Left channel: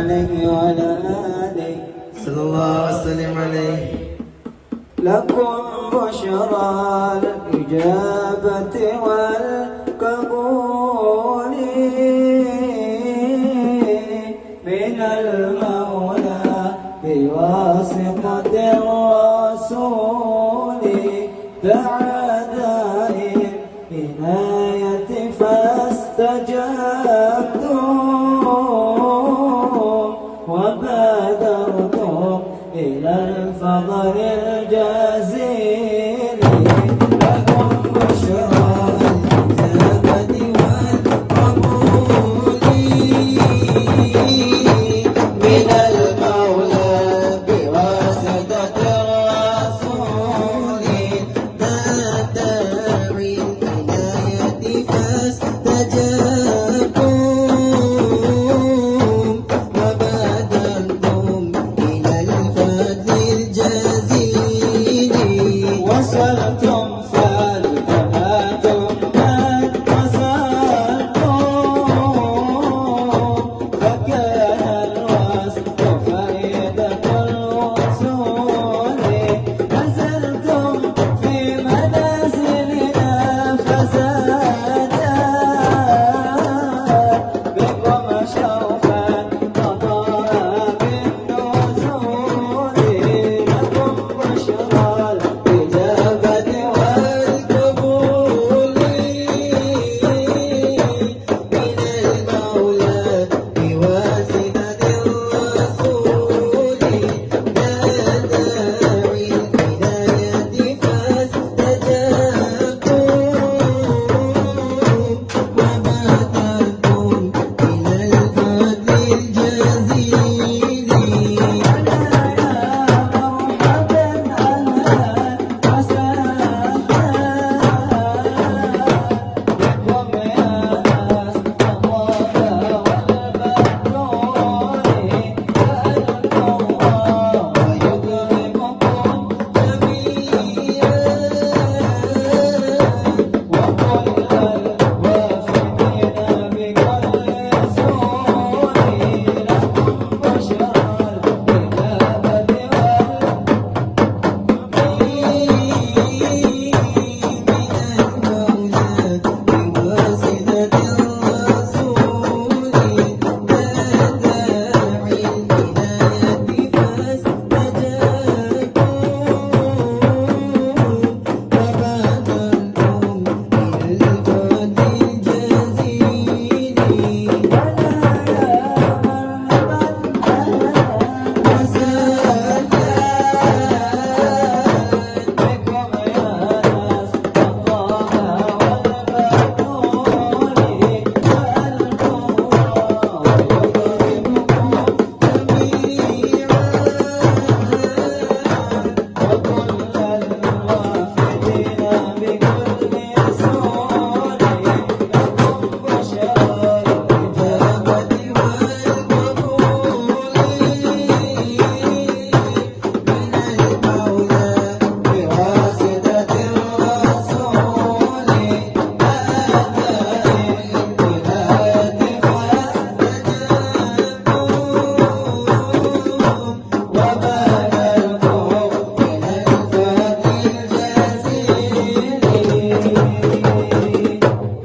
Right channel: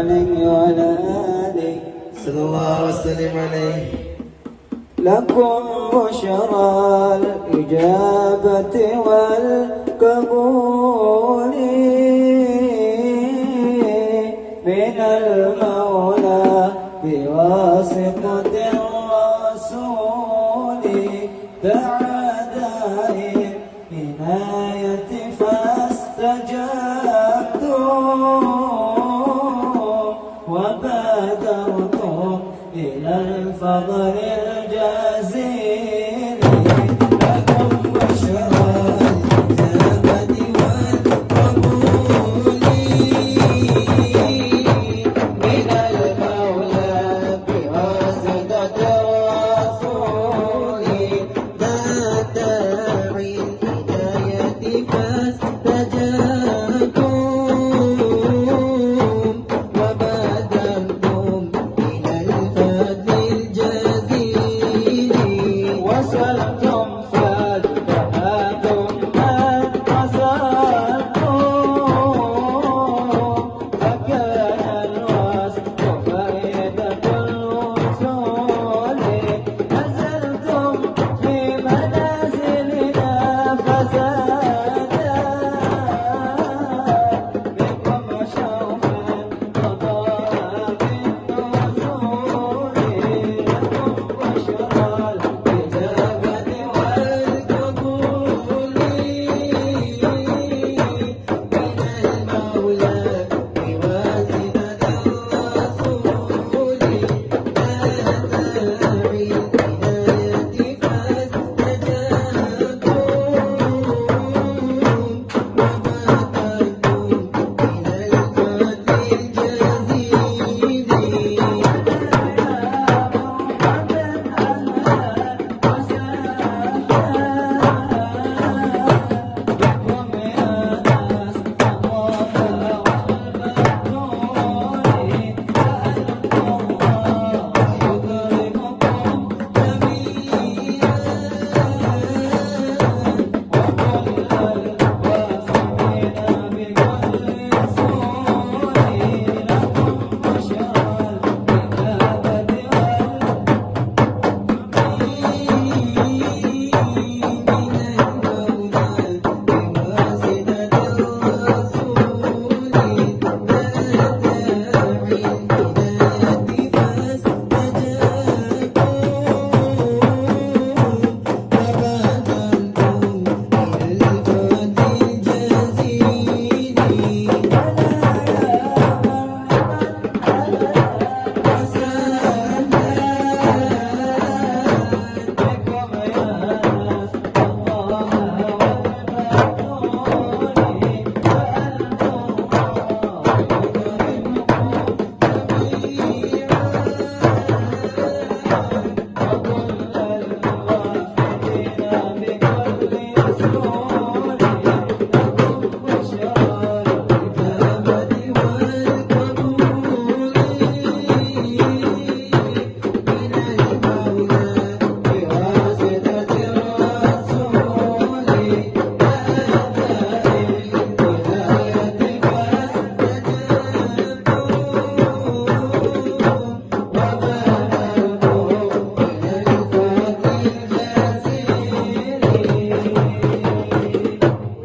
عليه وعلى آله صلى الله وسلم عليه. لكم بشرى الإجابة والقبول من المولى بواسطة الرسول دعا داعي العناية فاستجبتم وبادرتم إلى الفضل الجزيل. لكم بشرى الإجابة والقبول من المولى بواسطة الرسول دعا داعي الهداية فاستجبتم وبادرتم إلى الفضل الجزيل. وصلتم فالتقاكم ما انتصرتم فكان الوصف فائدة الوصول. نزلتم في منازلنا فزادا بكم شرفا وطاعا بالنزول. لكم بشرى الإجابة والقبول من المولى بواسطة الرسول دعا داعي الهداية فاستجبتم وبادرتم إلى الفضل الجزيل.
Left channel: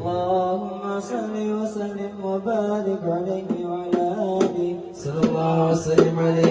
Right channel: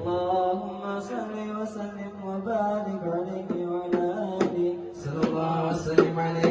اللهم صل وسلم وبارك عليه وعلى آله صلى الله وسلم عليه.